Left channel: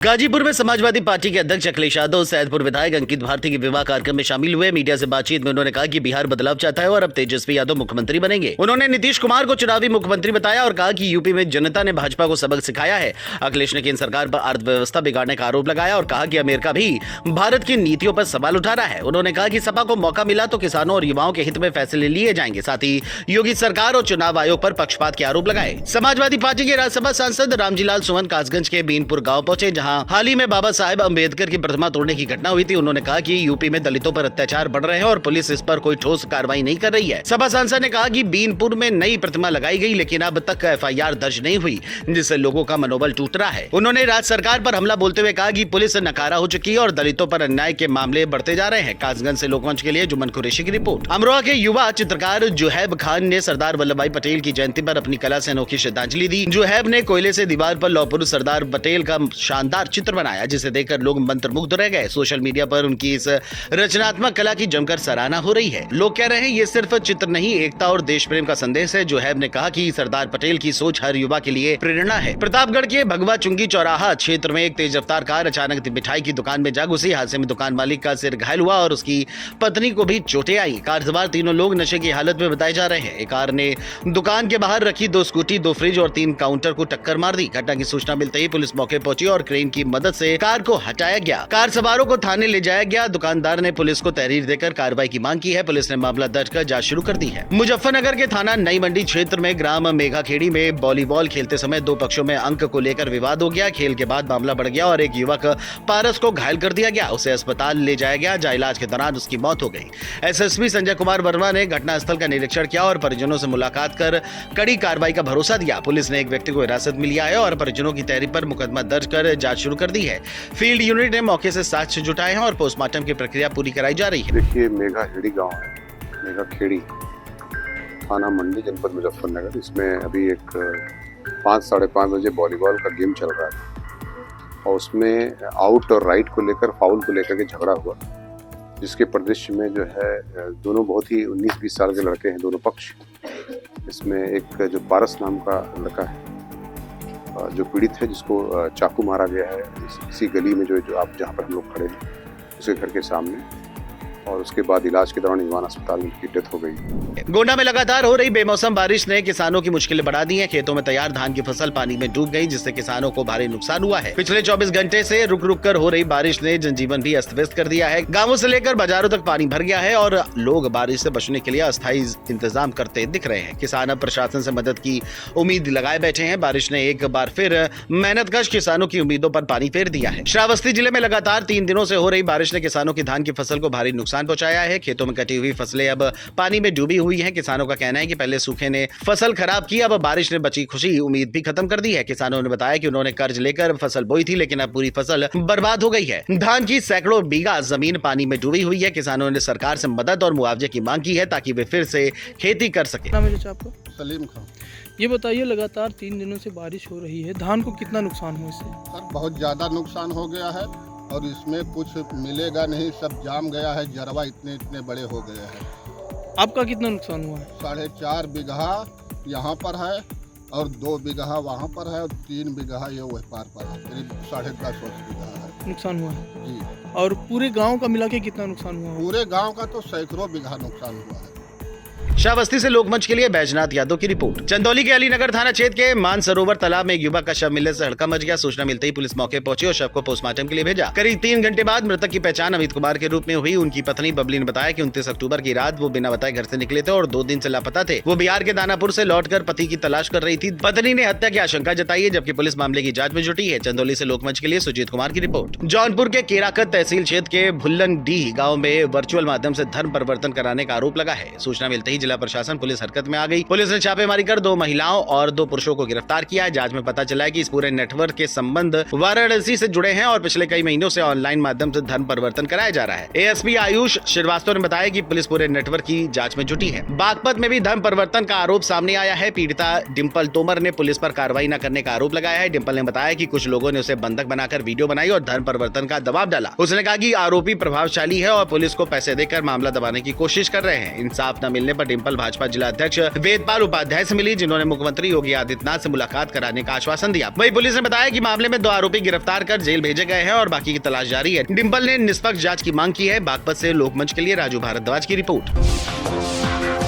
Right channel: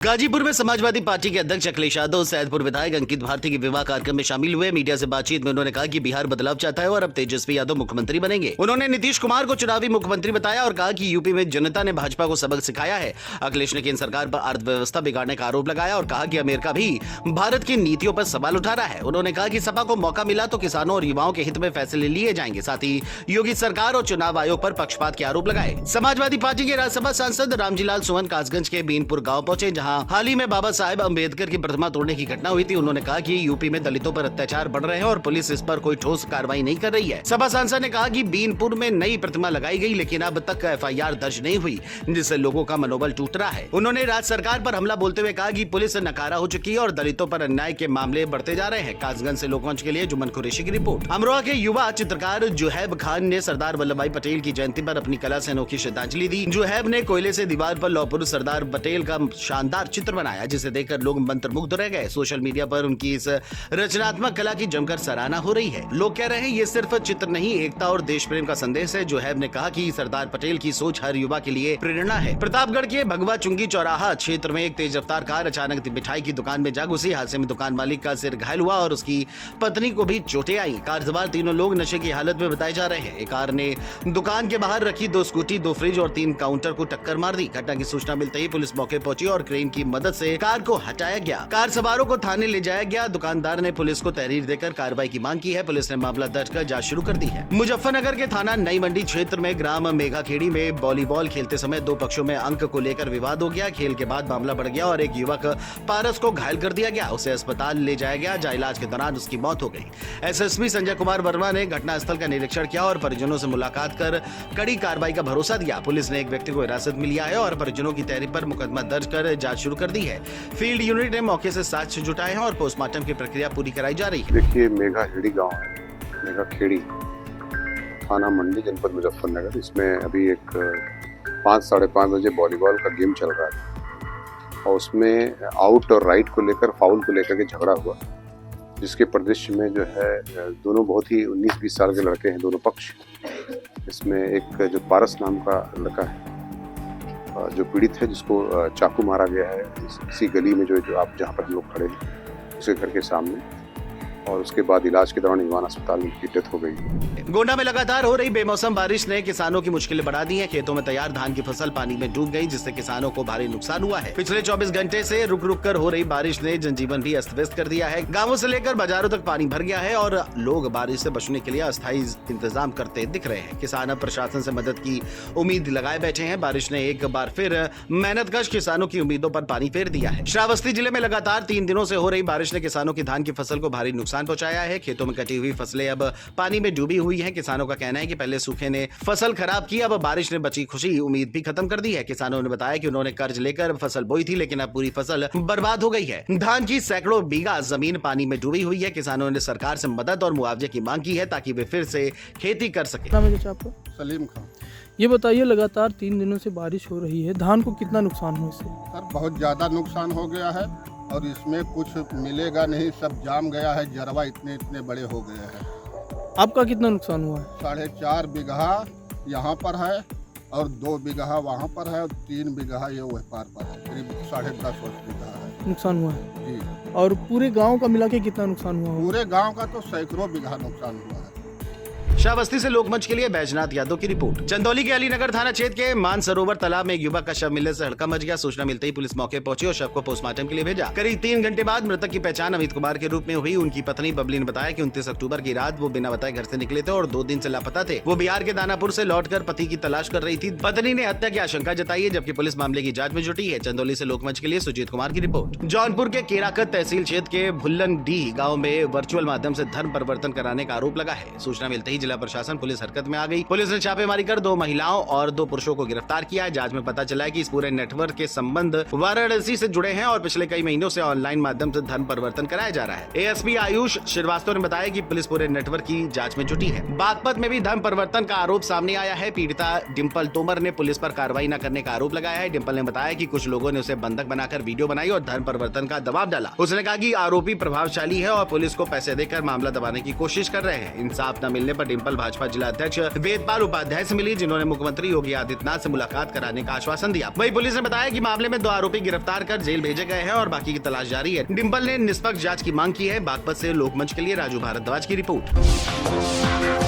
गाजीपुर में समाजवादी पार्टी के अध्यक्ष अखिलेश यादव सैदपुर विधायक अंकित भारती के विवाह कार्यक्रम में शामिल हुए। मीडिया से बातचीत में उन्होंने कहा कि बिहार बदलाव चाहता है और अब तेजस्वी यादव मुख्यमंत्री बनेंगे। उन्होंने नीतीश कुमार को चुनावी मुख्यमंत्री बताया और कहा कि यूपी में जनता ने भाजपा को सबक सिखाया है। अखिलेश ने केंद्र सरकार पर अर्थव्यवस्था बिगाड़ने का आरोप लगाया और कहा कि अमेरिका भी भारत की नीतियों पर सवाल उठा रहा है। उन्होंने कहा कि सपा को मौका मिला तो किसानों और युवाओं के हित में फैसले लिए जाएंगे। साथ ही योगी सरकार और चुनाव आयोग पर पक्षपात के आरोप लगाए। समाजवादी पार्टी के राज्यसभा सांसद रामजीलाल सुमन कासगंज के बीनपुर गाँव पहुंचे, जहाँ हाल ही में बाबा साहेब अंबेडकर की प्रतिमा तोड़ने की घटना हुई थी। उन्होंने कहा कि यूपी में दलितों पर अत्याचार बढ़ रहे हैं और पुलिस इस पर कोई ठोस कार्रवाई नहीं कर रही है। सभा सांसद ने कहा कि बीनपुर में नई प्रतिमा लगाई गई, लेकिन अब तक एफआईआर दर्ज नहीं हुई, जिससे लोगों का मनोबल टूट रहा है। उन्होंने राज्य सरकार पर हमला बोलते हुए कहा कि पुलिस नकारा हो चुकी है और दलितों पर अन्याय के मामले बढ़ते जा रहे हैं। कासगंज से लोकमंच के लिए जुमन कुरैशी की रिपोर्ट। अमरोहा के युवा चित्रकार जुहैब खान ने सरदार वल्लभ भाई पटेल की जयंती पर अपनी कला से अनोखी श्रद्धांजलि दी। जुहैब ने कोयले से दीवार पर लौह पुरुष सरदार पटेल का शानदार चित्र बनाया, जिसे देखकर लोग मंत्रमुग्ध रह गए। सोशल मीडिया पर उनकी इस रचनात्मक कला की जमकर सराहना हो रही है। लोग कह रहे हैं ये सिर्फ चित्र नहीं, एकता और देश प्रेम का संदेश है। जुहैब ने कहा कि सरदार पटेल की सोच हर युवा के लिए प्रेरणा है। प्रतापगढ़ के भगवा चुंगी चौराहा क्षेत्र में एक तेज रफ्तार कार अचानक मिठाई की दुकान में जा घुसी। हादसे में दुकान मालिक का सिर घायल हुआ और उसकी पत्नी को भी चोटें आई। कार सवार तीनों लोग नशे की हालत में बताए जा रहे हैं। कार ने दुकान के बाहर रखी 2 स्कूटी, 2 फ्रिज और 3 काउंटर को टक्कर मार दी। घटना की सूचना मिलते ही पुलिस मौके पहुंची और क्रेन की मदद से कार को हटाया गया। कार सवारों को थाने ले जाया गया। दुकानदार ने पुलिस को तहरीर देकर कार्रवाई की मांग की है। पुलिस ने मामला दर्ज कर जांच शुरू कर दी है। मुजफ्फरनगर के थाना नई मंडी क्षेत्र में ग्राम मेघाखेड़ी में वॉलीबॉल खेलते समय 2 पक्षों में अंक को लेकर विवाद हो गया। खेल के बाद मामला बढ़ गया और एक युवक पारस को घायल कर दिया गया। उसे अस्पताल ले जाया गया, जहां इलाज के दौरान उसकी मौत हो गई। एसएसपी संजय कुमार वर्मा ने घटनास्थल का निरीक्षण किया और परिजनों से मुलाकात कर कड़ी कार्रवाई का भरोसा दिया। पुलिस ने एक व्यक्ति को हिरासत में लिया है और परिजनों की तहरीर पर मुकदमा दर्ज कर जांच शुरू कर दी है। फील्ड यूनिट ने मौके से साक्ष्य जुटाए हैं और पोस्टमार्टम की प्रक्रिया पूरी कराई जा रही है। देखिए, मेघाखेड़ी गांव है, मेघाखेड़ी थाना मंडी जनपद मुजफ्फरनगर। इसमें अभी एक 5 साढ़े 5 बजे वॉलीबॉल का गेम चल रहा था और उसमें आउट और राइट को लेकर, फाउल को लेकर के झगड़ा हुआ, जिसके परिदृश्य में जो है दोनों बहुत ही 19-20 साल के लड़के हैं, दोनों पक्ष। इसमें एक जो पारस नाम का लड़का है जो पीड़ित है, जिसको चाकू मारा गया है इसी गली में जो आप जहाँ पर हम लोग खड़े हैं उसके घर के सामने, और उसके बाद इलाज के दौरान युवान अस्पताल में उनकी डेथ हो गई। गोंडा में लगातार हो रही बेमौसम बारिश ने किसानों की मुश्किलें बढ़ा दी हैं। खेतों में तैयार धान की फसल पानी में डूब गई, जिससे किसानों को भारी नुकसान हुआ है। पिछले 24 घंटे से रुक रुक कर हो रही बारिश ने जनजीवन भी अस्त व्यस्त कर दिया है। गांवों से लेकर बाजारों तक पानी भर गया है और लोग बारिश से बचने के लिए अस्थायी इंतजाम करते दिख रहे हैं। किसान अब प्रशासन से मदद की उम्मीद लगाए बैठे हैं। बारिश ने एक बार फिर मेहनतकश किसानों की उम्मीदों पर पानी फेर दिया है। श्रावस्ती जिले में लगातार 3 दिनों से हो रही बारिश ने किसानों की धान की फसल को भारी नुकसान पहुंचाया है। खेतों में कटी हुई फसलें अब पानी में डूबी हुई हैं। किसानों का कहना है कि पहले सूखे ने फसल खराब की, अब बारिश ने बची खुशी उम्मीद भी खत्म कर दी है। किसानों ने बताया कि उन्होंने कर्ज लेकर फसल बोई थी, लेकिन अब पूरी फसल बर्बाद हो गई है। धान की सैकड़ों बीघा जमीन पानी में डूबी हुई है। किसानों ने सरकार से मदद और मुआवजे की मांग की है ताकि वे फिर से खेती कर सके। आपको सलीम खान। ये बताइए, लगातार 3 दिनों से बारिश हो रही है, धान को कितना नुकसान हुआ इससे? सर, बहुत ज़्यादा नुकसान हो गया है और इसमें कुछ मिलेगा नहीं, सब जाम गया है, जरवा इतने बड़े हो गए हैं। आपका कितना नुकसान हुआ है? 4.5 बीघा यहाँ पर है और 2 बीघा वहाँ पर है और 3 बीघा ये वह पार पर है, करीब 10.5 बीघा है नुकसान हुआ है जी। और पूरे गांव का मिला के कितना नुकसान हुआ? पूरे गांव का तो सैकड़ों बीघा नुकसान हुआ है। श्रावस्ती से लोकमंच के लिए बैजनाथ यादव की रिपोर्ट। चंदौली के अलीनगर थाना क्षेत्र के मानसरोवर तालाब में एक युवक का शव मिलने से हड़कंप मच गया। सूचना मिलते ही पुलिस मौके पहुंची और शव को पोस्टमार्टम के लिए भेजा। करीब 3 घंटे बाद मृतक की पहचान अमित कुमार के रूप में हुई। उनकी पत्नी बबली ने बताया कि 29 अक्टूबर की रात वो बिना बताए घर से निकले थे और 2 दिन से लापता थे। वो बिहार के दानापुर से लौटकर पति की तलाश कर रही थी। पत्नी ने हत्या की आशंका जताई है, जबकि पुलिस मामले की जाँच में जुटी है। चंदौली से लोकमंच के लिए सुजीत कुमार की रिपोर्ट। जौनपुर के केराकत तहसील क्षेत्र के भुल्लनडीह गाँव में वर्चुअल माध्यम से धर्म परिवर्तन कराने का आरोप लगा है। सूचना मिलते ही जिला प्रशासन पुलिस हरकत में आ गई। पुलिस ने छापेमारी कर 2 महिलाओं और 2 पुरुषों को गिरफ्तार किया है। जांच में पता चला है कि इस पूरे नेटवर्क के संबंध वाराणसी से जुड़े हैं और पिछले कई महीनों से ऑनलाइन माध्यम से धर्म परिवर्तन कराया जा रहा है। एएसपी आयुष श्रीवास्तव ने बताया कि पुलिस पूरे नेटवर्क की जांच में जुटी है। बागपत में भी धर्म परिवर्तन का आरोप सामने आया है। पीड़िता डिम्पल तोमर ने पुलिस पर कार्रवाई न करने का आरोप लगाया है। डिम्पल ने बताया कि कुछ लोगों ने उसे बंधक बनाकर वीडियो बनाई और धर्म परिवर्तन का दबाव डाला। उसने कहा कि आरोपी प्रभावशाली है और पुलिस को पैसे देकर मामला दबाने की कोशिश कर रहे हैं। इंसाफ न मिलने पर डिम्पल भाजपा जिला अध्यक्ष वेदपाल उपाध्याय से मिली, जिन्होंने मुख्यमंत्री योगी आदित्यनाथ से मुलाकात कराने का आश्वासन दिया। वहीं पुलिस ने बताया कि मामले में 2 आरोपी गिरफ्तार कर जेल भेजे गए हैं और बाकी की तलाश जारी है। डिम्पल ने निष्पक्ष जांच की मांग की है। बागपत से लोकमंच के लिए राजू भारद्वाज की रिपोर्ट।